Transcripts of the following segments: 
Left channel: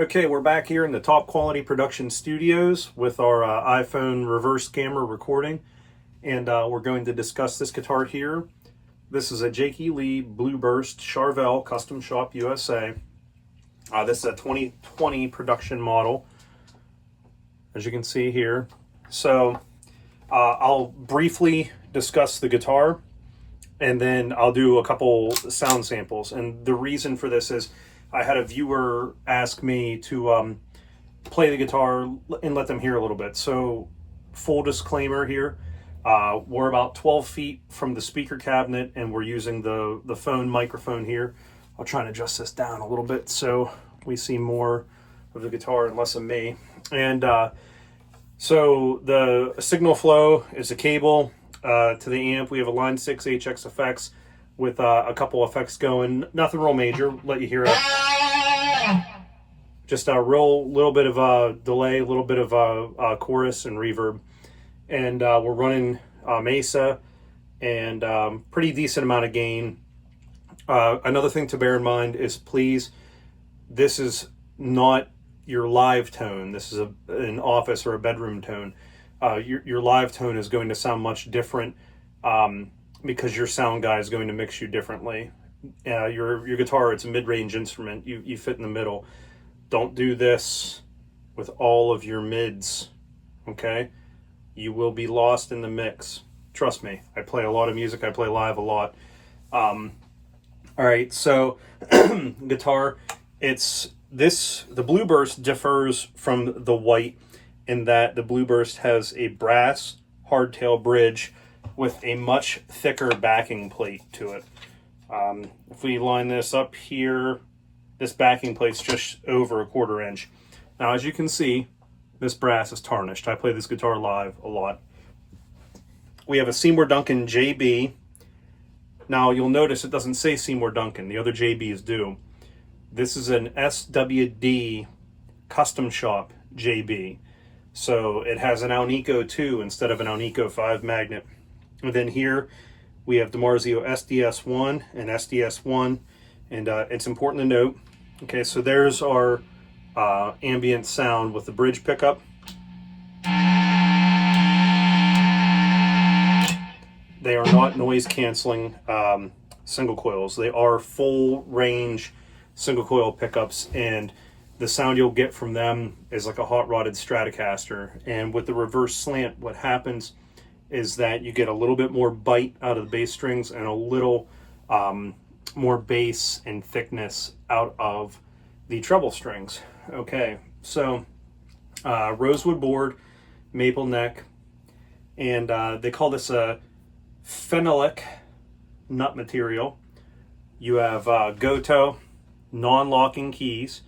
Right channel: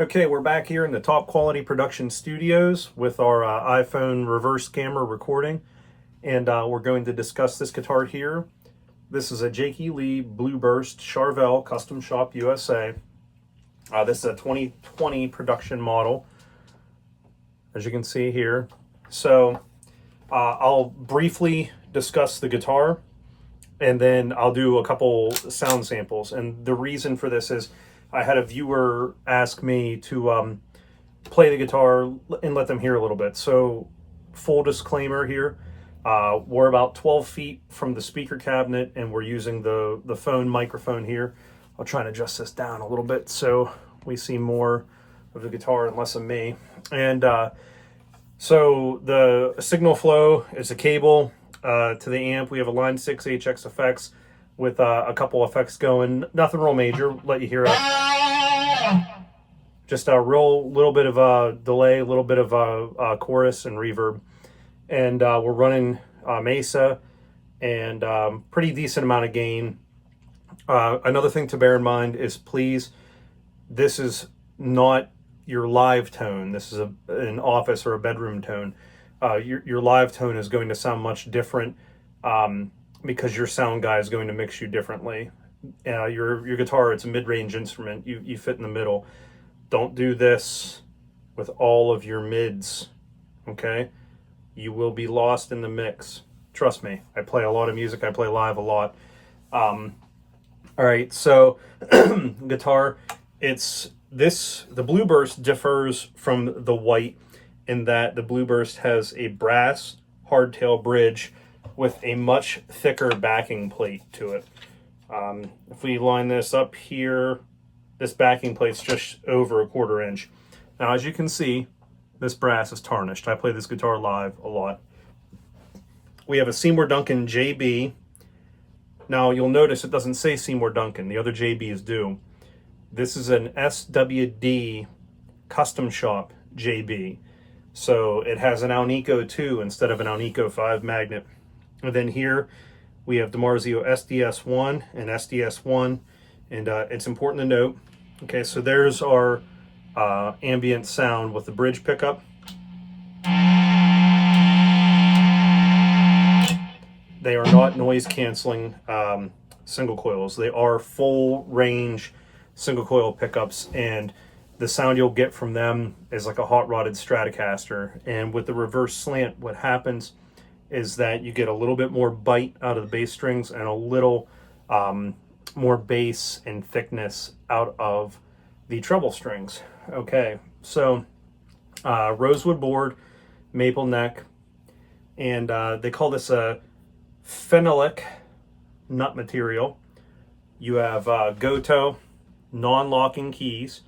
Okay, we're back here in the Top Quality Production Studios with our iPhone reverse camera recording, and we're going to discuss this guitar here. This is a Jakey Lee Blueburst Charvel Custom Shop USA. This is a 2020 production model, as you can see here. So I'll briefly discuss the guitar, and then I'll do a couple sound samples. And the reason for this is I had a viewer ask me to play the guitar and let them hear a little bit. So full disclaimer here, we're about 12 feet from the speaker cabinet, and we're using the phone microphone here. I'll try and adjust this down a little bit so we see more of the guitar and less of me. And so the signal flow is a cable to the amp. We have a Line 6 HX effects with a couple effects going. Nothing real major. Let you hear just a real little bit of a delay, a little bit of a chorus and reverb. And we're running Mesa and pretty decent amount of gain. Another thing to bear in mind is, please, this is not your live tone. This is an office or a bedroom tone. Your live tone is going to sound much different because your sound guy is going to mix you differently. Your guitar, it's a mid-range instrument. You fit in the middle. Don't do this with all of your mids, okay? You will be lost in the mix. Trust me, I play a lot of music. I play live a lot. All right, so guitar, the Blueburst differs from the white in that the Blueburst has a brass hardtail bridge with a much thicker backing plate to it. If we line this up here, this backing plate's just over 1/4 inch. Now, as you can see, this brass is tarnished. I play this guitar live a lot. We have a Seymour Duncan JB. Now, you'll notice it doesn't say Seymour Duncan. The other JBs do. This is an SWD Custom Shop JB. So it has an Alnico 2 instead of an Alnico 5 magnet. And then here we have DiMarzio SDS1 and SDS1. And it's important to note, okay, so there's our ambient sound with the bridge pickup. They are not noise canceling single coils. They are full range single coil pickups, and the sound you'll get from them is like a hot rodded Stratocaster. And with the reverse slant, what happens is that you get a little bit more bite out of the bass strings and a little more bass and thickness out of the treble strings. Okay, so rosewood board, maple neck, and they call this a phenolic nut material. You have Goto non-locking keys.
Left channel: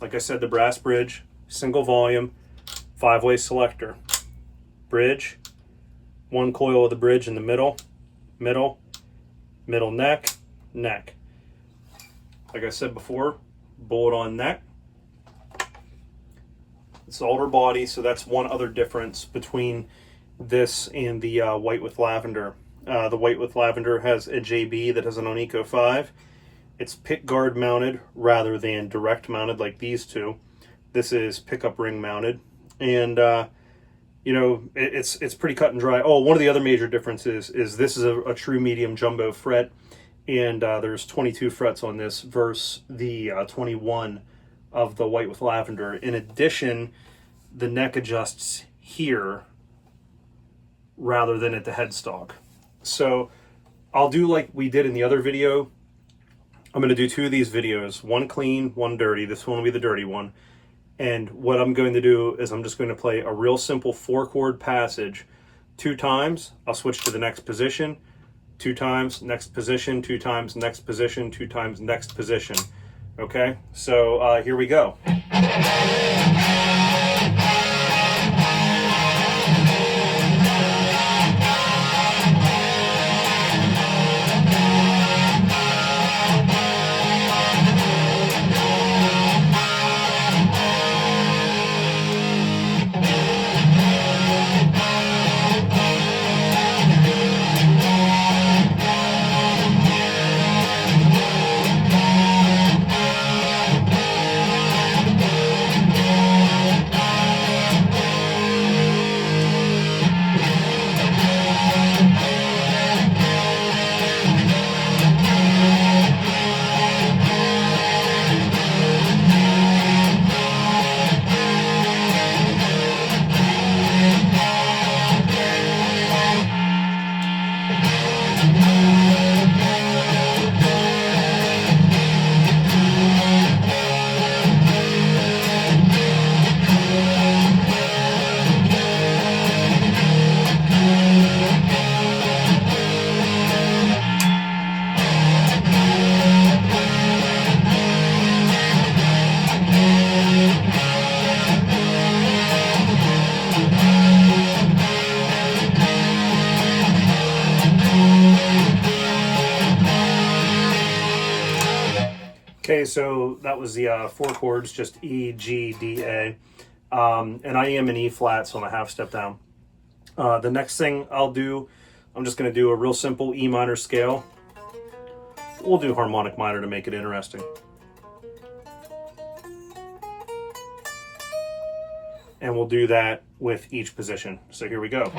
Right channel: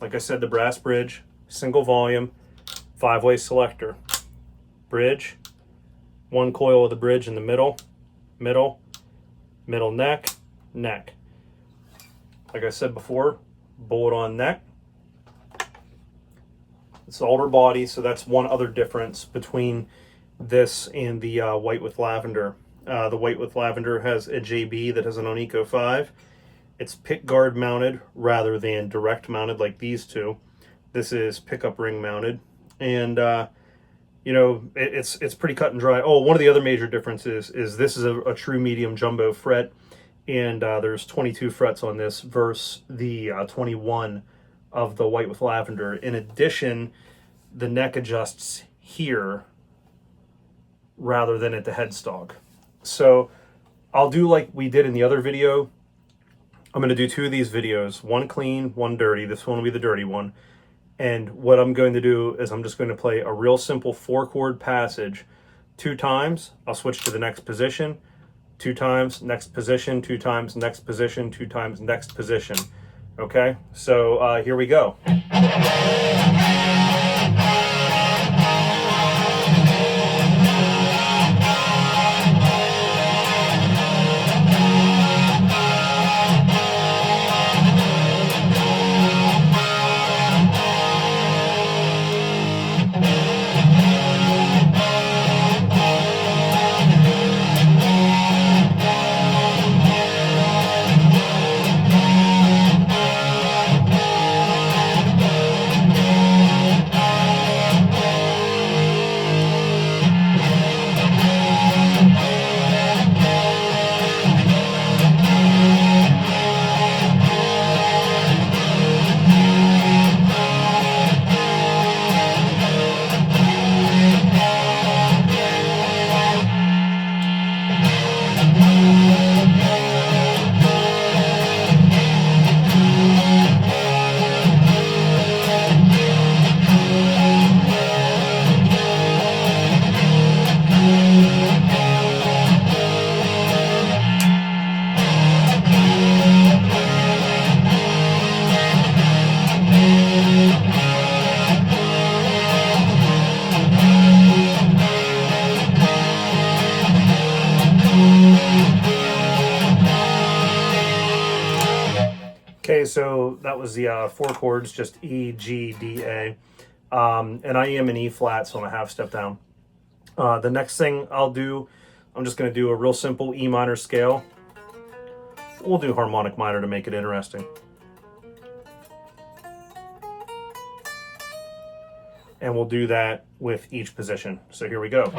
Like I said, the brass bridge, single volume, 5-way selector. Bridge, one coil of the bridge in the middle, middle neck, neck. Like I said before, bullet-on neck. It's alder body, so that's one other difference between this and the white with lavender. The white with lavender has a JB that has an Alnico 5. It's pick guard mounted rather than direct mounted like these two. This is pickup ring mounted, and you know, it's pretty cut and dry. Oh, one of the other major differences is this is a true medium jumbo fret, and there's 22 frets on this versus the 21 of the white with lavender. In addition, the neck adjusts here rather than at the headstock. So I'll do like we did in the other video. I'm going to do 2 of these videos, one clean, one dirty. This one will be the dirty one. And what I'm going to do is I'm just going to play a real simple 4-chord passage 2 times. I'll switch to the next position, 2 times, next position, 2 times, next position, 2 times, next position. Okay, so here we go. so that was the 4 chords, just E, G, D, A. And I am in E flat, so I'm a half step down. The next thing I'll do, I'm just going to do a real simple E minor scale. We'll do harmonic minor to make it interesting. And we'll do that with each position. So here we go.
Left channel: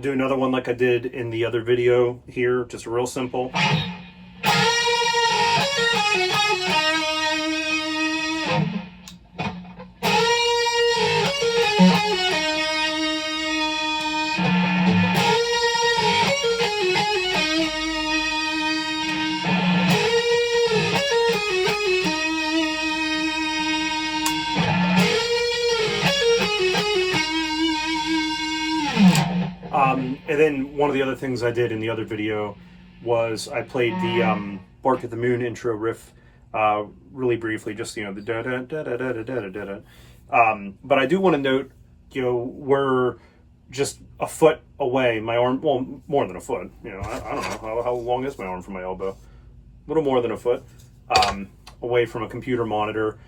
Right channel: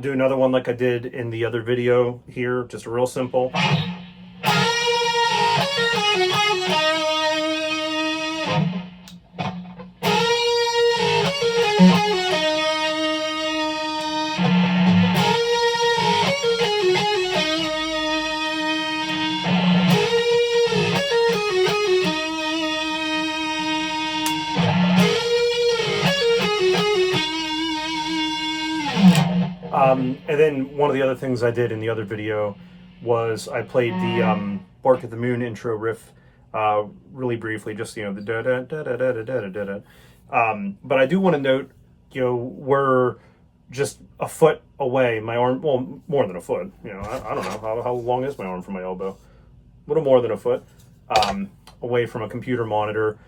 Do another one like I did in the other video here, just real simple. And then one of the other things I did in the other video was I played the Bark at the Moon intro riff really briefly, just, you know, the da da da da da da da da da. But I do want to note, you know, we're just a foot away. My arm, well, more than a foot. You know, I don't know how long is my arm from my elbow. A little more than a foot away from a computer monitor.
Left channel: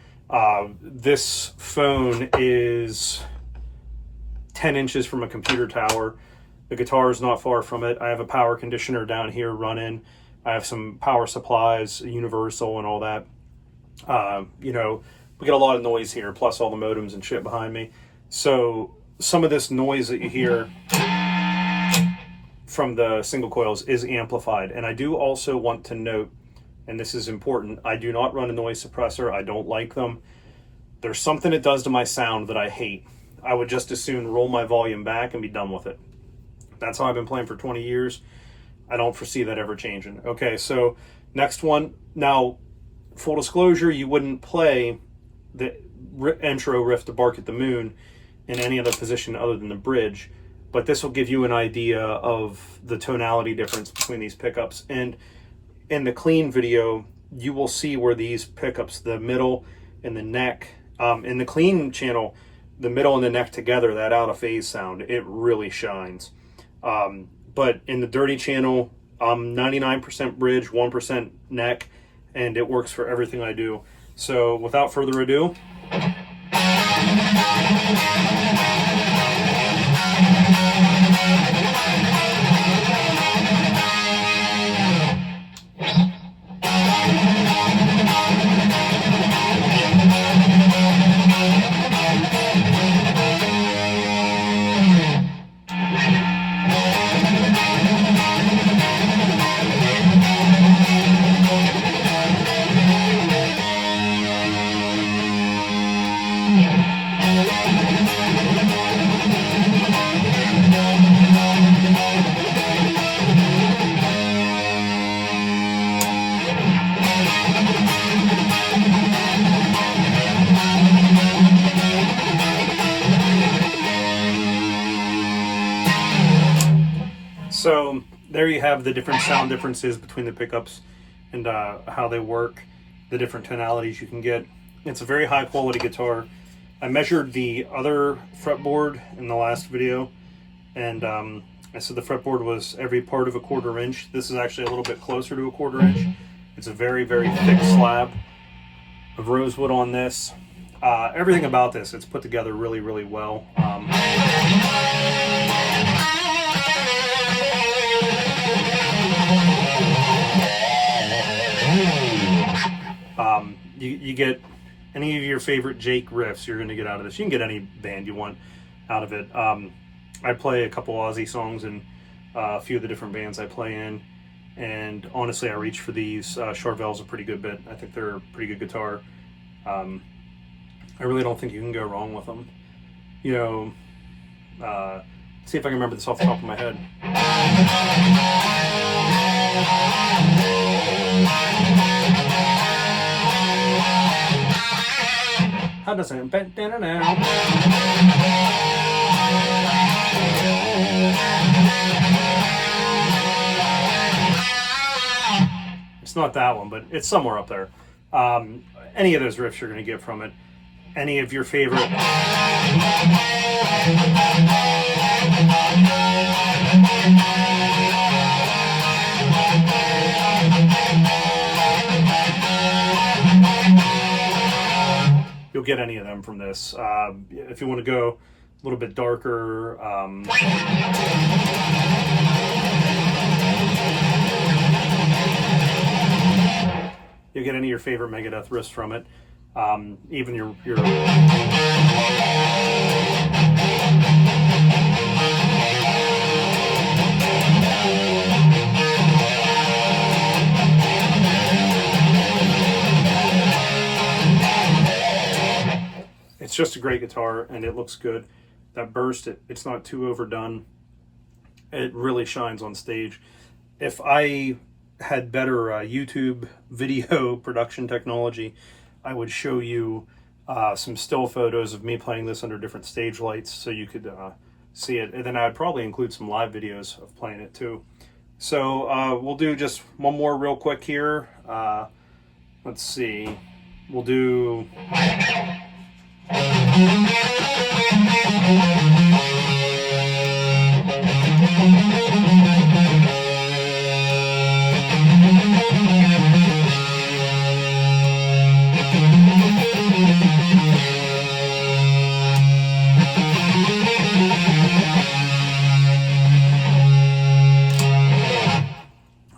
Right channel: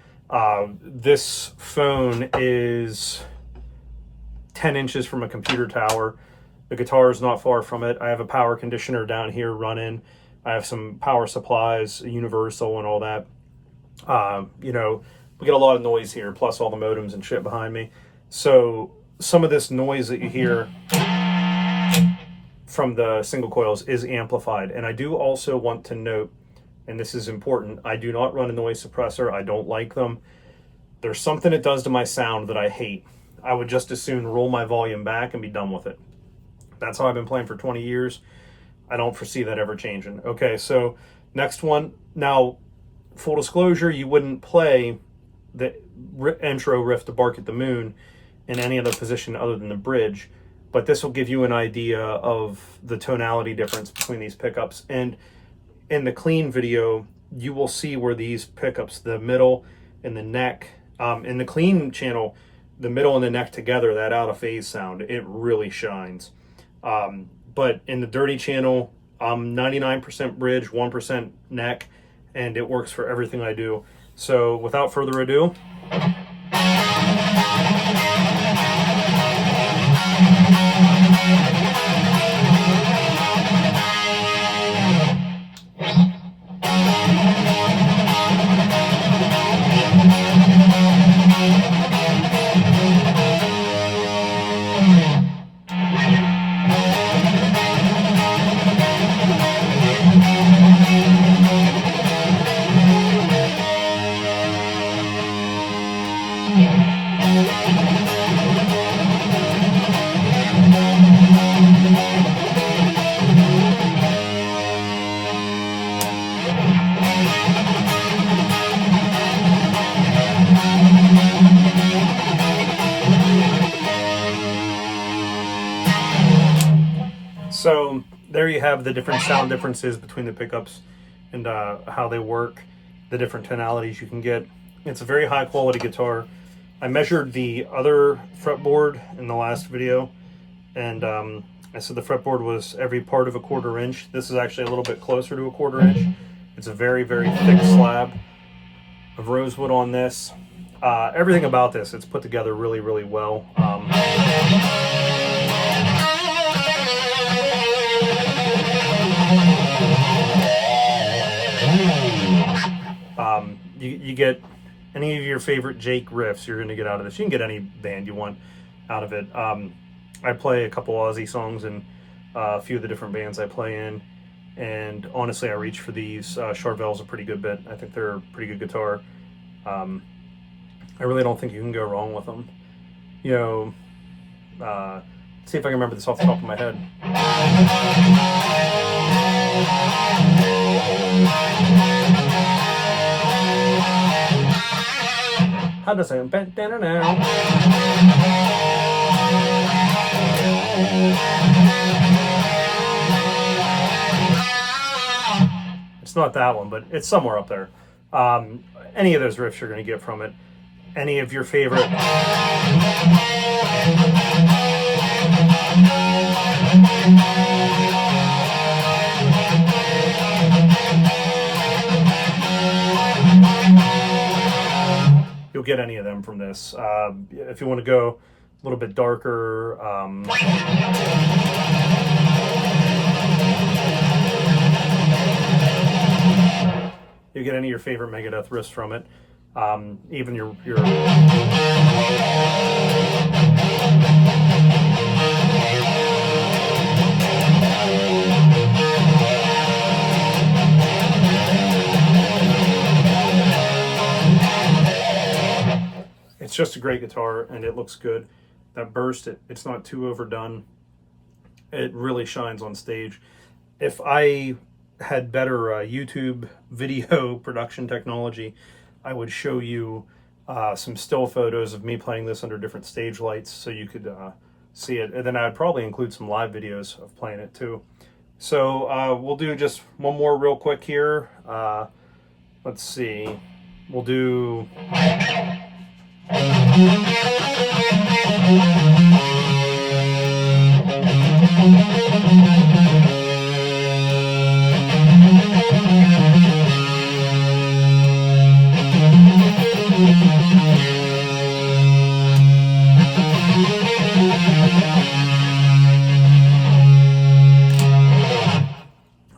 This phone is 10 inches from a computer tower. The guitar is not far from it. I have a power conditioner down here running. I have some power supplies, universal and all that. You know, we get a lot of noise here, plus all the modems and shit behind me. So some of this noise that you hear from the single coils is amplified. And I do also want to note, and this is important, I do not run a noise suppressor. I don't like them. There's something it does to my sound that I hate. I would just as soon roll my volume back and be done with it. That's how I've been playing for 20 years. I don't foresee that ever changing. Okay, so next one. Now, full disclosure, you wouldn't play the intro riff to Bark at the Moon in any other position other than the bridge, but this will give you an idea of the tonality difference between these pickups. And in the clean video, you will see where these pickups, the middle and the neck, in the clean channel, the middle and the neck together, that out of phase sound, it really shines. But in the dirty channel, 99% bridge, 1% neck, and it works for everything I do. So without further ado, so there you have the different sound differences between the pickups and how they work, the different tonalities you can get. It's a very high quality guitar. I measured the other fretboard in the last video, and I said the fretboard was every part of a 1/4 inch. This is actually a little bit closer to a 1/4 inch. It's a very, very thick slab of rosewood on this. Everything about this, it's put together really, really well. You get any of your favorite Jake riffs, you're going to get out of this. You can get any band you want out of it. I play a couple Aussie songs and a few of the different bands I play in, and honestly, I reach for these. Charvel's a pretty good bit. I think they're a pretty good guitar. I really don't think you can go wrong with them. You know, let's see if I can remember this off the top of my head. How does it? It's not that one, but it's somewhere up there. Any of those riffs you're going to get from it. Any of your favorite. You'll get any of them from this. If you want to go a little bit darker, you'll get any of your favorite Megadeth riffs from it. Even your it's just a great guitar, and it looks good. That burst, it's not too overdone. It really shines on stage. If I had better YouTube video production technology, I would show you some still photos of me playing this under different stage lights so you could see it. And then I would probably include some live videos of playing it too. So we'll do just one more real quick here. Let's see. We'll do...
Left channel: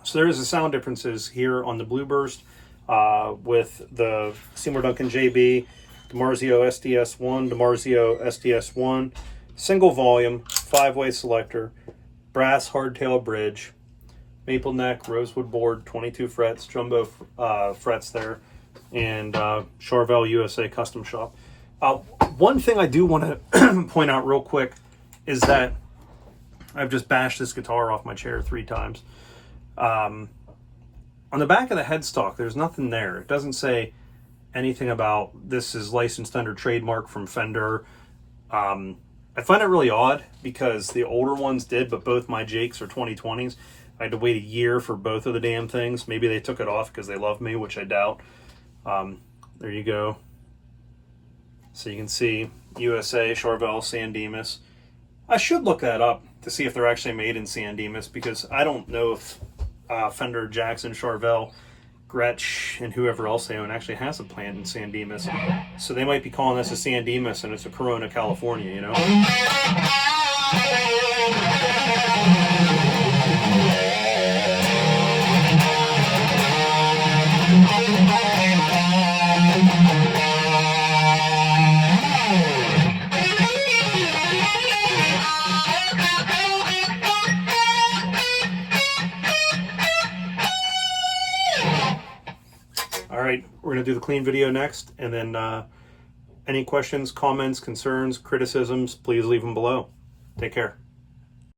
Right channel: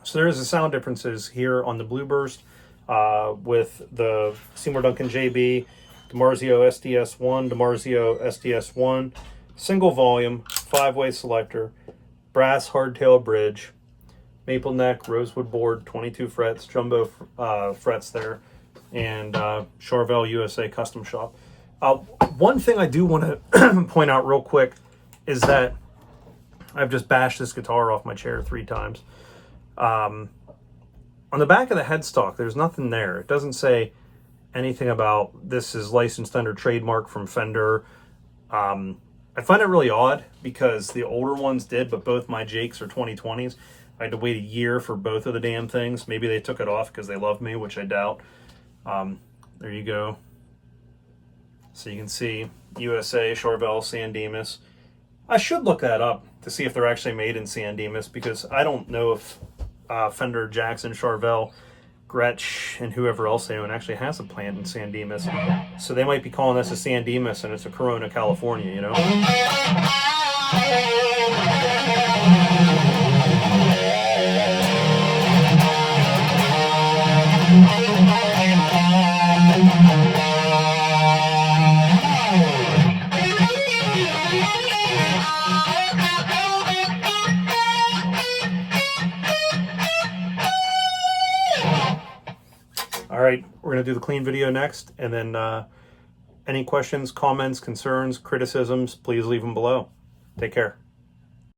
So there is a sound differences here on the Blueburst with the Seymour Duncan JB, DiMarzio SDS1, DiMarzio SDS1, single volume, 5-way selector, brass hardtail bridge, maple neck, rosewood board, 22 frets, jumbo frets there, and Charvel USA Custom Shop. One thing I do want to point out real quick is that I've just bashed this guitar off my chair 3 times. On the back of the headstock, there's nothing there. It doesn't say anything about this is licensed under trademark from Fender. I find it really odd because the older ones did, but both my Jakes are 2020s. I had to wait a year for both of the damn things. Maybe they took it off because they love me, which I doubt. There you go. So you can see USA, Charvel, San Dimas. I should look that up to see if they're actually made in San Dimas, because I don't know if Fender, Jackson, Charvel, Gretsch, and whoever else they own actually has a plant in San Dimas. So they might be calling this a San Dimas and it's a Corona, California, you know? All right, we're going to do the clean video next, and then any questions, comments, concerns, criticisms, please leave them below. Take care.